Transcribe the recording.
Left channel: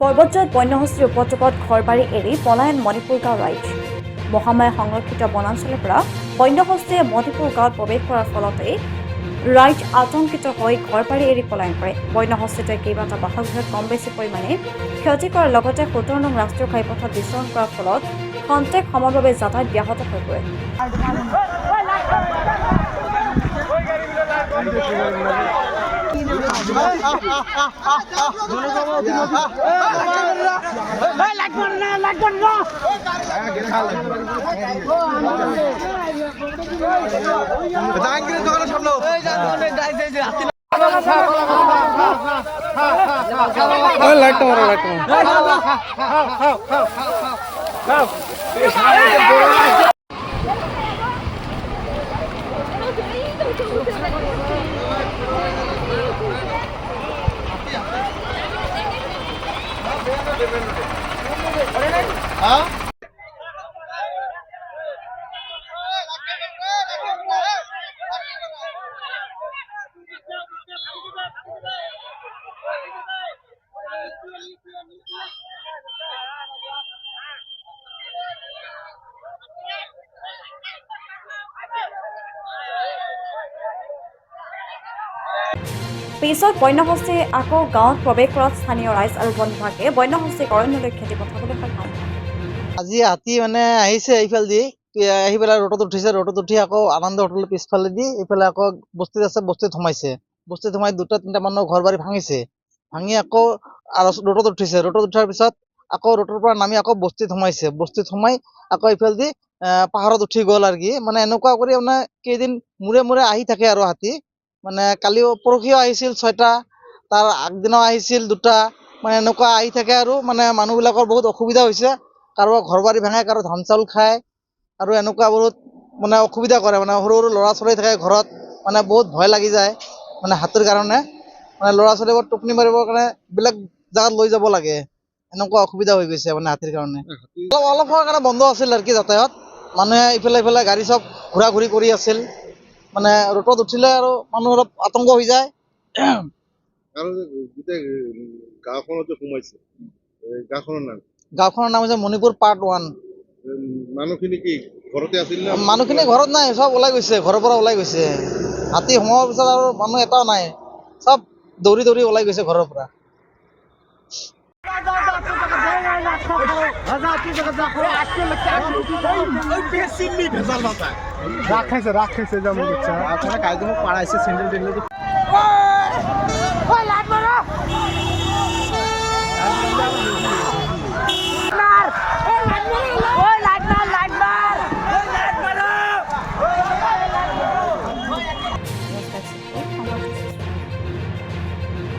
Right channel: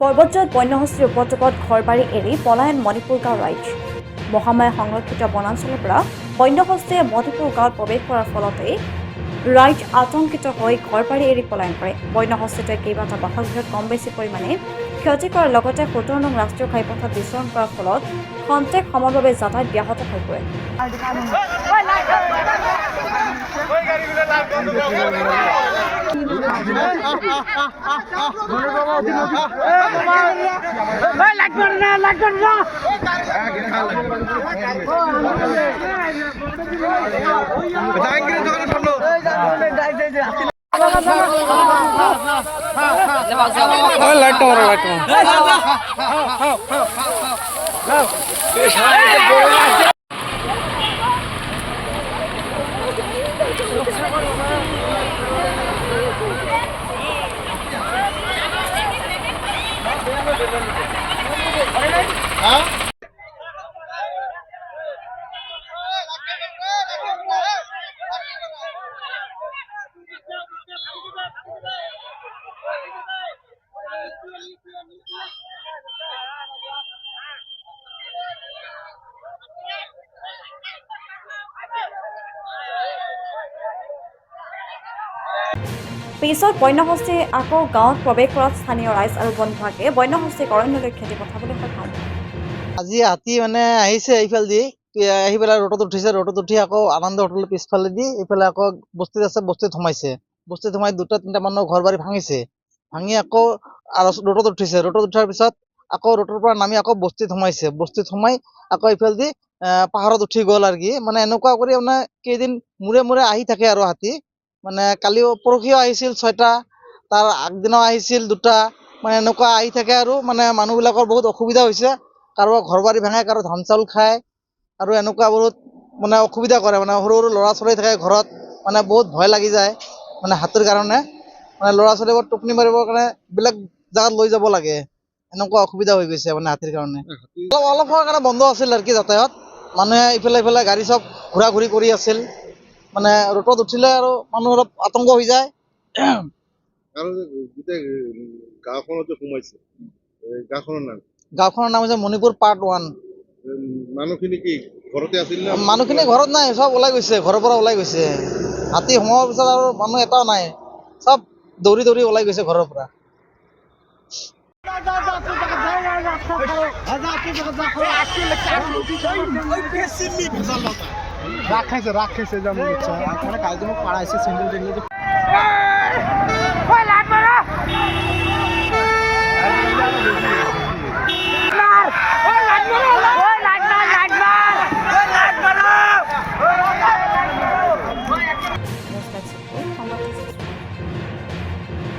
পৰ্বতজত বন্যহস্তীৰ উপদ্ৰৱত ঘৰবাৰী এৰি পলায়ন মণিপুৰ গাঁও ৰাইজ। মহামায়া সংৰক্ষিত বনাঞ্চলৰ পৰা বন্যহস্তীয়ে মণিপুৰ গাঁৱত প্ৰৱেশ কৰাৰ ফলতে ৰাইজ আতংকিত হৈ ঘৰবাৰী এৰি পলায়ন কৰে। বন্যহস্তীটোৱে কেইবাটা বাসগৃহত কম বেছি পৰিমাণে ক্ষতি কৰাৰ লগতে ১৭ নং ৰাষ্ট্ৰীয় ঘাইপথত বিচৰণ কৰাৰ ফলত খন্তেক সময়ৰ বাবে যাতায়াত ব্যাহত হৈ পৰে। পিছত বন্যহস্তীয়ে আকৌ গাঁৱত প্ৰৱেশ কৰাত স্থানীয় ৰাইজ আৰু বন বিভাগে বন্যহস্তীক অৰণ্যলৈ খেদি পঠাবলৈ সক্ষম হয়। আজি হাতী আহিছে এইফালেদি আহি পেলাই ৰোডত উঠিছে, ৰোডত উঠি আকৌ আনন্দ হোটেলৰ পিছফালে দি এইফালে আকৌ বস্তিত আছে, বস্তিত সোমাইছে। বস্তিত সোমাই ২টা-৩টা মানুহৰ ঘৰ বাৰী ভাঙিছে। ভাঙি আকৌ ৰোডত উঠিছে, ৰোডত উঠাৰ পিছত আকৌ ৰোডৰ পৰা নামি আকৌ বস্তিত সোমাইছে। বস্তিত সোমাই আকৌ এইফালেদি পাহাৰত উঠি গ'ল আৰু কি এনেকুৱা কৰি কেইদিন মূৰে মূৰে আহি থাকে আৰু হাতী। কালিও পৰহিও আহিছিল ৬টা, তাৰ আগদিনাও আহিছিল ২টা। এনেকুৱা আহি থাকে আৰু মানুহবিলাকৰ বহুত অসুবিধা হৈছে। কাৰোবাৰ ঘৰ বাৰী ভাঙে, কাৰো ধান চাউল খায় আৰু এনেকুৱা বহুত অসুবিধা কৰে। সৰু সৰু ল'ৰা ছোৱালী থাকে ঘৰত, বহুত ভয় লাগি যায় হাতীৰ কাৰণে। ল'ৰা ছোৱালীবোৰ টোপনি মাৰিবৰ কাৰণে বেলেগ জাগাত লৈ যাব লাগে। এনেকুৱা অসুবিধা হৈ গৈছে হাতীৰ কাৰণে। অলপ সময়ৰ কাৰণে বন্ধ আছিল আৰু কি যাতায়াত। মানুহে ইফালে ইফালে গাড়ী চব ঘূৰা ঘূৰি কৰি আছিল। ৰোডত উঠিলে আৰু মানুহ অলপ আতংক হৈ যায়। আৰু গোটেই গাঁওখনত সোমাইছে, গাঁওখনৰ নাম হৈছে মণিপুৰ পাৰ্ট 1। মানুহখিনি কি ঘৰতে আছিল? মানুহখিনি ঘৰত নাই, চব ওলাই গৈছে, ঘৰৰ পৰা ওলাই গৈছে। হাতী সোমোৱাৰ পিছত আৰু মানুহ এটাও নাই, চব দৌৰি দৌৰি ওলাই গৈছে ঘৰৰ পৰা। ৰাখেছে যেমন ইচ্ছা, পাড়াইছে স্যান্ডেল